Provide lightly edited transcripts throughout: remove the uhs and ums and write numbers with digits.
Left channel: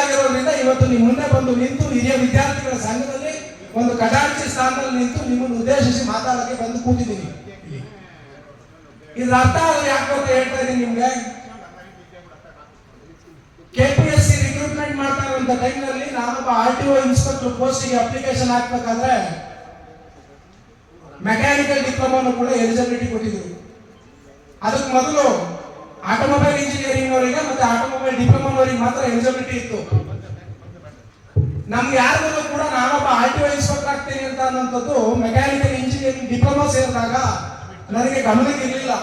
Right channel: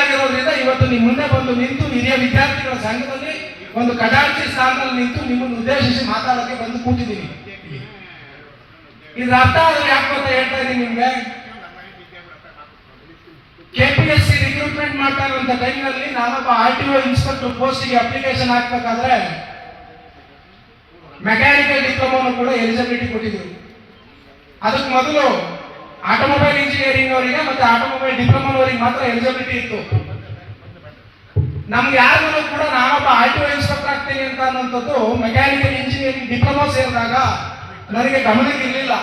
ಆಗಿರೋದ್ರಿಂದ ಇವತ್ತು ನಿಮ್ಮ ಮುಂದೆ ಬಂದು ನಿಂತು ಹಿರಿಯ ವಿದ್ಯಾರ್ಥಿಗಳ ಸಂಘದಲ್ಲಿ ಒಂದು ಖಜಾಂಚಿ ಸ್ಥಾನದಲ್ಲಿ ನಿಂತು ನಿಮ್ಮನ್ನು ಉದ್ದೇಶಿಸಿ ಮಾತಾಡೋಕೆ ಬಂದು ಕೂತಿದ್ದೀವಿ. ಇದ್ರ ಅರ್ಥ ಯಾಕೆ ಅಂತ ಹೇಳ್ತಾ ಇದ್ದೀನಿ ನಿಮ್ಗೆ. KPSC ರಿಕ್ರೂಟ್ಮೆಂಟ್ ಮಾಡ್ತಾ ಇರುವಂತ ಟೈಮ್ನಲ್ಲಿ ನಾನೊಬ್ಬ RTO ಇನ್ಸ್ಪೆಕ್ಟರ್ ಪೋಸ್ಟ್ಗೆ ಅಪ್ಲಿಕೇಶನ್ ಹಾಕ್ಬೇಕಾದ್ರೆ ಮೆಕ್ಯಾನಿಕಲ್ ಡಿಪ್ಲೊಮಾನು ಕೂಡ ಎಲಿಜಿಬಿಲಿಟಿ ಕೊಟ್ಟಿದ್ರು. ಅದಕ್ಕೆ ಮೊದಲು ಆಟೋಮೊಬೈಲ್ ಇಂಜಿನಿಯರಿಂಗ್ ಅವರಿಗೆ ಮತ್ತೆ ಆಟೋಮೊಬೈಲ್ ಡಿಪ್ಲೊಮಾನವರಿಗೆ ಮಾತ್ರ ಎಲಿಜಿಬಿಲಿಟಿ ಇತ್ತು. ನಮ್ಗೆ ಯಾರಿಗೂ ಕೂಡ ನಾನೊಬ್ಬ RTO ಇನ್ಸ್ಪೆಕ್ಟರ್ ಆಗ್ತೀನಿ ಅಂತ ಅನ್ನೋಂಥದ್ದು ಮೆಕ್ಯಾನಿಕಲ್ ಇಂಜಿನಿಯರಿಂಗ್ ಡಿಪ್ಲೊಮಾ ಸೇರಿದಾಗ ನನಗೆ ಗಮನಕ್ಕೆ ಇರಲಿಲ್ಲ.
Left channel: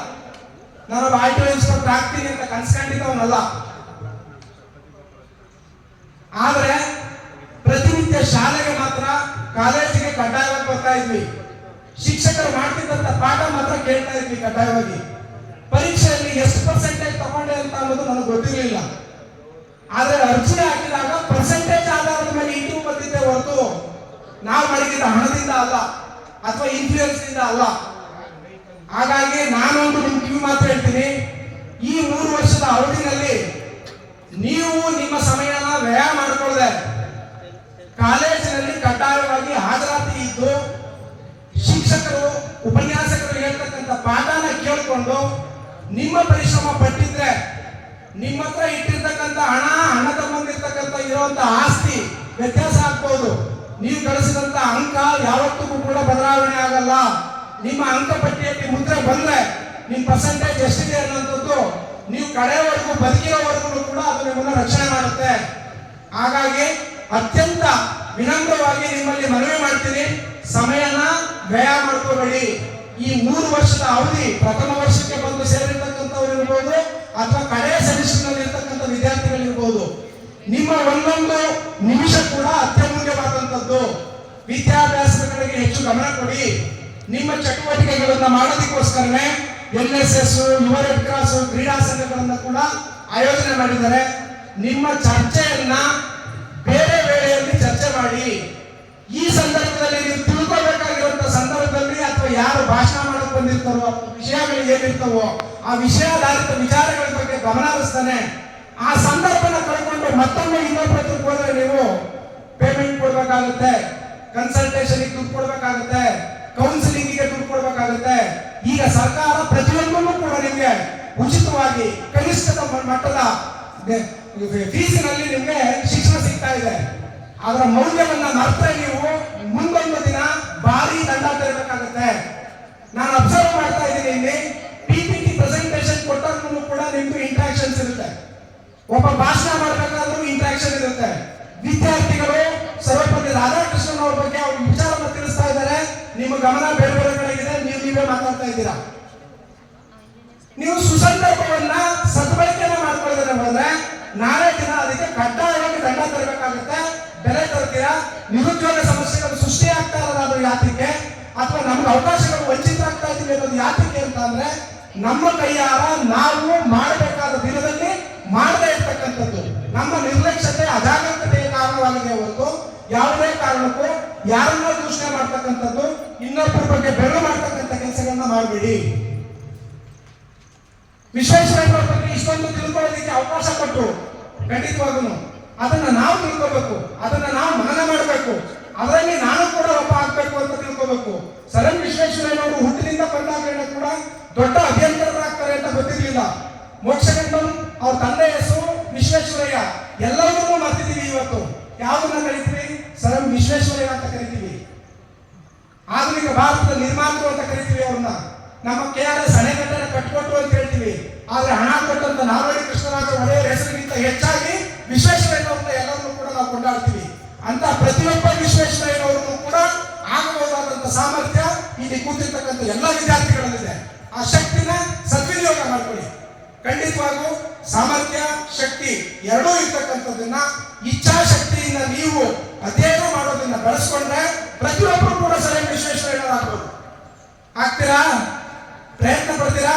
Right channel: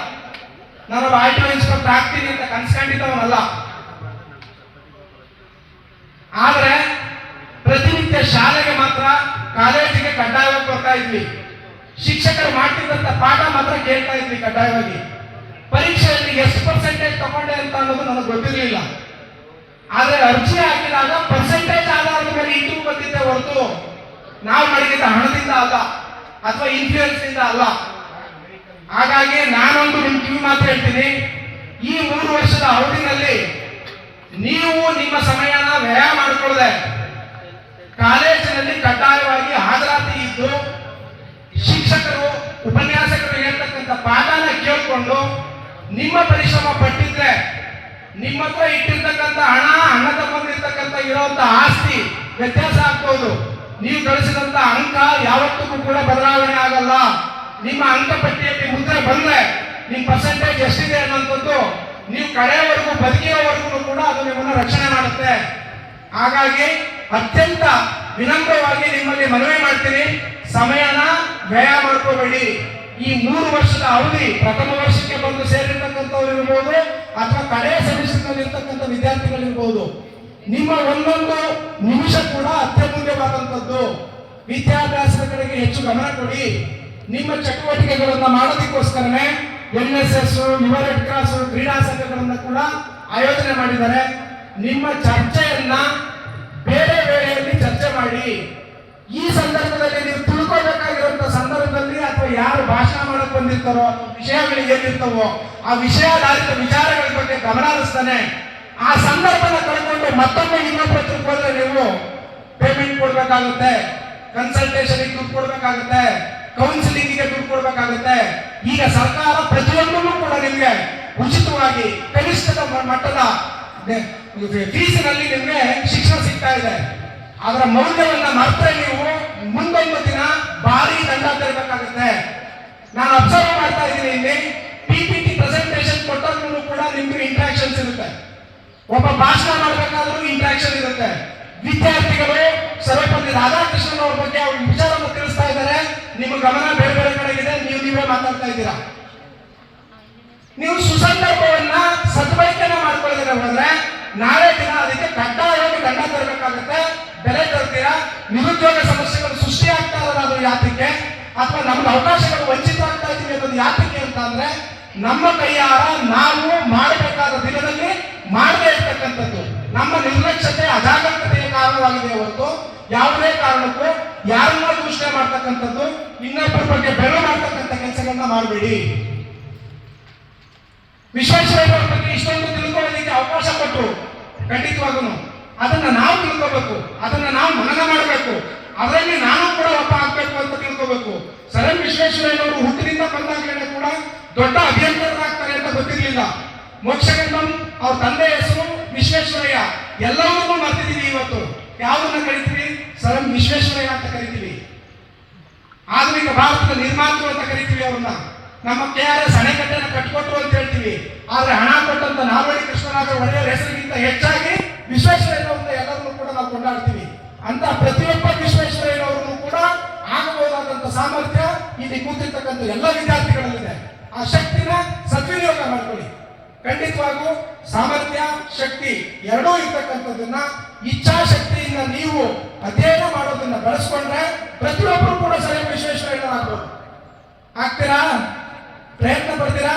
ನಾನೊಬ್ಬ RTO ಇನ್ಸ್ಪೆಕ್ಟರ್ ಆಗ್ತೀನಿ ಅಂತ ಕನ್ಸ್ಕೊಂಡಿದ್ದವನಲ್ಲ. ಆದ್ರೆ ಪ್ರತಿನಿತ್ಯ ಶಾಲೆಗೆ ಮಾತ್ರ, ಕಾಲೇಜಿಗೆ ಕಡ್ಡಾಯವಾಗಿ ಬರ್ತಾ ಇದ್ವಿ. ಶಿಕ್ಷಕರು ಮಾಡ್ತಿದ್ದಂತ ಪಾಠ ಮಾತ್ರ ಕೇಳ್ತಾ ಇದ್ವಿ ಕಡ್ಡಾಯವಾಗಿ. ಪರೀಕ್ಷೆಯಲ್ಲಿ ಎಷ್ಟು ಪರ್ಸೆಂಟೇಜ್ ತಗೊಂಡೆ ಅಂತ ಅನ್ನೋದು ನನಗೆ ಗೊತ್ತಿರಲಿಲ್ಲ. ಆದ್ರೆ ಅರ್ಜಿ ಹಾಕಿದಾಗ ಪರ್ಸೆಂಟೇಜ್ ಆಧಾರದ ಮೇಲೆ ಇಂಟರ್ವ್ಯೂ ಬಂದಿದ್ದೆ ಹೊರತು ನಾವು ಮಾಡಿದ ಹಣದಿಂದ ಅಲ್ಲ ಅಥವಾ ಇನ್ಫ್ಲೂಯೆನ್ಸ್ ನಿಂದ ಅಲ್ಲ. ಹಾಗಾಗಿ ನಾನೊಂದು ನಿಮ್ ಕಿವಿ ಮಾತು ಹೇಳ್ತೀನಿ, ಈ 3 ವರ್ಷದ ಅವಧಿನಲ್ಲಿ ನೀವು ನಿಮ್ಮ ಸಮಯನ ವ್ಯಯ ಮಾಡಿಕೊಳ್ಳದೆ ಕಾಲೇಜಿನಲ್ಲಿ ಕಡ್ಡಾಯವಾಗಿ ಹಾಜರಾತಿ ಇದ್ದು ಶಿಕ್ಷಕರು ಉಪನ್ಯಾಸಕರು ಹೇಳ್ತಕ್ಕಂಥ ಪಾಠನ ಕೇಳಿಕೊಂಡು ನಿಮ್ಮ ಪರಿಶ್ರಮ ಪಟ್ಟಿದ್ರೆ ನಿಮ್ಮ ಹತ್ರ ಇಟ್ಟಿರ್ತಕ್ಕಂಥ ಹಣ, ಅಣ್ಣ ತಮ್ಮಂದಿರ್ತಕ್ಕಂಥ ಇರುವಂತ ಆಸ್ತಿ ವ್ಯತ್ಯಾಸ ಆಗ್ಬೋದು. ನೀವು ಗಳಿಸಿದಂತ ಅಂಕ ಯಾವತ್ತಿಗೂ ಕೂಡ ಬದಲಾವಣೆ ಆಗಲ್ಲ. ನಿಮ್ಮ ಅಂಕ ಪಟ್ಟಿಯಲ್ಲಿ ಮುದ್ರೆ ಬಂದ್ರೆ ನಿಮ್ ಪರ್ಸೆಂಟೇಜ್ ಎಷ್ಟಿದೆ ಅನ್ನೋಂಥದ್ದು ನೀವು ಕಡೆಯವರೆಗೂ ಬದುಕಿರೋವರೆಗೂ ಕೂಡ ಅದು ನಿಮ್ಮನ್ನ ರಕ್ಷಣೆ ಮಾಡುತ್ತೆ. ಹಾಗಾಗಿ ಅತ್ಯಂತ ವಿನಮ್ರವಾಗಿ ನಿಮ್ಮಲ್ಲಿ ಮನವಿ ಮಾಡ್ತೀನಿ, ಸಮಯನ ವ್ಯಯ ಮಾಡ್ಕೋಬೇಡಿ. ಈ 3 ವರ್ಷದ ಅವಧಿ ಪ್ರಥಮ ವರ್ಷಕ್ಕೆ ಬಂದು ಸೇರಿರ್ತಕ್ಕಂಥವ್ರು ಇರ್ಬೋದು ಅಥವಾ ಕಡೆಯ ಸೆಮಿಸ್ಟರ್ನಲ್ಲಿ ಇರ್ತಕ್ಕಂಥ ವಿದ್ಯಾರ್ಥಿಗಳಿರ್ಬೋದು, ನಿಮ್ಮ ಒಂದೊಂದು ನಿಮಿಷ ಕೂಡ ಅತ್ಯಮೂಲ್ಯವಾದಂಥದ್ದು. ವಿದ್ಯಾಭ್ಯಾಸದ ಕಡೆಗೆ ಹೆಚ್ಚು ಗಮನ ಕೊಡಿ. ನಿಮ್ಮ ಚಟುವಟಿಕೆಗಳನ್ನ ಮಾಡೋದಕ್ಕೋಸ್ಕರನೇ NSS, ಯುವ ರೆಡ್ ಕ್ರಾಸ್, ಕ್ರೀಡಾ ಸಂಘಗಳನ್ನ ಕೂಡ ಆಯೋಜನೆ ಮಾಡಿದ್ದಾರೆ. ನಿಮ್ಮ ಚರ್ಚೆಯನ್ನ ಬೇರೆ ವೇಳೆಯಲ್ಲಿ ಚರ್ಚೆ ಮಾಡಿ. ಈ ಸಂದರ್ಭದಲ್ಲಿ ನೀವು ತಿಳ್ಕೊಬೇಕಾಗಿರುವಂತಹ ಸಂದರ್ಭದಲ್ಲಿ ಅಥವಾ ಯಾರು ಭಾಷಣ ಮಾಡಕ್ ಬಂದಿರ್ತಾರೋ ವಿಷಯಗಳು ಏನಿರ್ತಾವೋ ಆ ವಿಷಯಾಧಾರಿತ ವಿಚಾರಗಳ ಬಗ್ಗೆ ಗಮನ ಹರಿಸ್ತಾನೆ ಆ ಸಂದರ್ಭನ ಕಳ್ಕೊಂಡು ಮತ್ತೊಮ್ಮೆ ಇನ್ನೊಬ್ಬರ ಹೋದ್ರೆ ನೀವು ಪೇಮೆಂಟ್ ಕೊಡ್ಬೇಕಾಗುತ್ತೆ, ಕನ್ಸಲ್ಟೇಷನ್ ದುಡ್ಡು ಕೊಡ್ಬೇಕಾಗುತ್ತೆ, ಕೌನ್ಸಿಲಿಂಗ್ ಗೆ ದುಡ್ಡು ಕೊಡ್ಬೇಕಾಗುತ್ತೆ. ಈಗ ಸರ್ಕಾರ ಪ್ರತಿಯೊಂದನ್ನು ಕೂಡ ನಿಮ್ಗೆ ಉಚಿತವಾಗಿ ಕನಿಷ್ಠದ ಮಟ್ಟದ ಫೀಸಿನಲ್ಲಿ ನಿಮ್ಗೆ ಶಿಕ್ಷಣ ಸಿಗ್ತಾ ಇದೆ. ಅದರ ಮೌಲ್ಯವನ್ನ ಮರೆತರೆ ನೀವು ಮುಂದೊಂದು ದಿನ ಭಾರಿ ದಂಡ ತೆರಬೇಕಾಗುತ್ತೆ. ನಾನು ಅಬ್ಸರ್ವ್ ಮಾಡ್ತಾ ಇದ್ದೀನಿ, ಇಲ್ಲಿ PPT ಪ್ರೆಸೆಂಟೇಷನ್ ಕೊಟ್ಟರೂ ಕೂಡ ನಿಮ್ಗೆ ಇಂಟ್ರಾಕ್ಷನ್ಸ್ ಇರುತ್ತೆ. ಒಬ್ಬ ಭಾಷಣ ಮಾಡಬೇಕಾದ್ರೂ ಇಂಟ್ರಾಕ್ಷನ್ ಇರುತ್ತೆ. ವಿದ್ಯಾರ್ಥಿಗಳು ಸರ್ವಪಲ್ಲಿ ರಾಧಾಕೃಷ್ಣನ್ ಅವ್ರ ಬಗ್ಗೆ ಅವ್ರ ವಿಚಾರವನ್ನು ತಿಳಿಸ್ತಾ ಇದ್ದಾರೆ, ನಿಮ್ಮ ಗಮನ ಬೇರೆ ಬೇರೆ ಕಡೆ ಇದೆ, ನೀವೇ ಮಾತಾಡ್ತಾ ಇದ್ದೀರಾ. ನೀವು ಸುಸಂದರ್ಭವನ್ನ ಸದ್ಬಳಕೆಯನ್ನು ಮಾಡ್ಕೊಳ್ಳೋದ್ರೆ ಹೋದ್ರೆ ನಾಳೆ ದಿನ ಅದಕ್ಕೆ ಕಡ್ಡಾಯವಾಗಿ ದಂಡ ತರಬೇಕಾಗುತ್ತೆ, ಬೆಲೆ ತರ್ತೀರಾ. ನಿರುದ್ಯೋಗ ಸಮಸ್ಯೆಗಳು ಸೃಷ್ಟಿ ಆಗ್ತಾ ಇರೋದು ಅದು ಯಾತಕ್ಕೆ, ಅಥವಾ ನಮ್ಗೆ ಅವಕಾಶಗಳು ವಂಚಿತ ಆಗ್ತಾ ಇದ್ದೀವಿ ಅನ್ನೋದು ಯಾತಕ್ಕೆ ಅಂತ ಅಂದ್ರೆ ನಮ್ಮ ಕೈಯಾರ ನಾವು ಮಾಡಬೇಕಾದ ದಿನದಲ್ಲಿ ಮಾಡದೇ ಇರ್ತಕ್ಕಂಥದ್ದು ನಮ್ಮ ನಿರ್ಲಕ್ಷ್ಯತೆ, ಅಜಾಗರೂಕತೆಯ ಕಾರಣವಾಗಿದೆ ಹೊರತು ಯಾವುದೇ ಕಾರಣಕ್ಕೂ ಯಾರನ್ನ ದೂಷಣೆ ಮಾಡ್ತಕ್ಕಂಥದ್ದು, ಇನ್ನೊಬ್ಬರ ಬಗ್ಗೆ ಬೆಳೆ ಮಾಡ್ತಕ್ಕಂಥ ಕೆಲಸಗಳನ್ನ ಮಾಡಬೇಡಿ. ವಿಶ್ವೇಶ್ವರಯ್ಯ ಬಗ್ಗೆ ಇಷ್ಟೊಂದು ತಿಳ್ಕೊಳ್ಳೋದಕ್ಕೆ ಅವಕಾಶ ಕೊಟ್ಟರು, ಖಂಡಿತವಾಗೂ ಅದನ್ನ ನಾವು ತಿಳ್ಕೋಬೇಕು, ಅದನ್ನ ನಾವು ಮನನ ಮಾಡಬೇಕು. ಅದರಲ್ಲಿ ನಾನು ಕೂಡ ಒಬ್ಬ ಆಗ್ಬೇಕು ಅಂತ ತಿಳ್ಕೋಬೇಕು. ಸರ್ ಎಂ ವಿಶ್ವೇಶ್ವರಯ್ಯನವರು ಹುಟ್ಟಿನಿಂದ ಬಂದಾಗ ಕೂಡ ದೊಡ್ಡ ಅಭಿಯಂತರರಾಗ್ತಾರೆ ಅಂತ ಗೊತ್ತಿರಲಿಲ್ಲ. ಮೋಕ್ಷಗಂಧಂ ಅವ್ರ ತಂದೆ ಹೆಸರು ವಿಶ್ವೇಶ್ವರಯ್ಯ. ಎಲ್ಲವನ್ನೂ ಮರ್ತಿದೀವಿ. ಇವತ್ತು ಯಾವುದನ್ನ ಕರಿತೀವಿ? ಸರ್ ಎಂ ವಿಶ್ವೇಶ್ವರಯ್ಯ ಅಂತ ಕರಿತೀವಿ. ಆಧುನಿಕ ಭಾರತದ ನಿರ್ಮಾತೃ ಅಂತ ಕರಿತೀವಿ ಅವ್ರನ್ನ. ನಮ್ಮ KRS ಅಣೆಕಟ್ಟೆನ ಕಟ್ಟಿಕೊಟ್ರು ಅಂತ ಹೇಳ್ತೀವಿ. ಆದ್ರೆ ಹಣ ಕೊಟ್ಟಂತ ನಾಲ್ವಡಿ ಕೃಷ್ಣರಾಜ ಒಡೆಯರ್ ಹೆಸರಿಗಿಂತ ಹೆಚ್ಚಾಗಿ ವಿಶ್ವೇಶ್ವರಯ್ಯನವ್ರನ್ನ ಎಲ್ಲರನ್ನೂ ಕೂಡ ನಾವು ಕೊಂಡಾಡ್ತೀವಿ. ಅಂತ ಪ್ರತಿಯೊಬ್ಬ ವಿಶ್ವೇಶ್ವರಯ್ಯನವರನ್ನು ಕೂಡ ಆಗಬಹುದಾದಂತ ಸಾಮರ್ಥ್ಯ ಇಲ್ಲಿ ಕೂತಿರ್ತಕ್ಕಂಥ ಎಲ್ಲ ವಿದ್ಯಾರ್ಥಿಗಳಲ್ಲಿದೆ. ಆ ಶಕ್ತಿನ ಸದ್ವಿನಿಯೋಗ ಮಾಡ್ಕೊಳ್ಳಿ. ಖಂಡಿತವಾಗೂ ಸಾಮರ್ಥ್ಯ, ಶಕ್ತಿ ಎರಡೂ ಇರ್ತಕ್ಕಂಥದ್ದನ್ನ ಇಚ್ಛಾಶಕ್ತಿಯಿಂದ ನೀವು ಅಧ್ಯಯನ ಮಾಡೋದನ್ನ ಬೆಳೆಸ್ಕೊಂಡ್ರೆ ಪ್ರತಿಯೊಬ್ಬರು ಕೂಡ ಸರ್ ಎಂ ವಿಶ್ವೇಶ್ವರಯ್ಯನವರಾಗ್ಬೋದು. ಆಗ್ತೀರಾ? ಪ್ರಯತ್ನ ಪಡ್ತೀರಾ?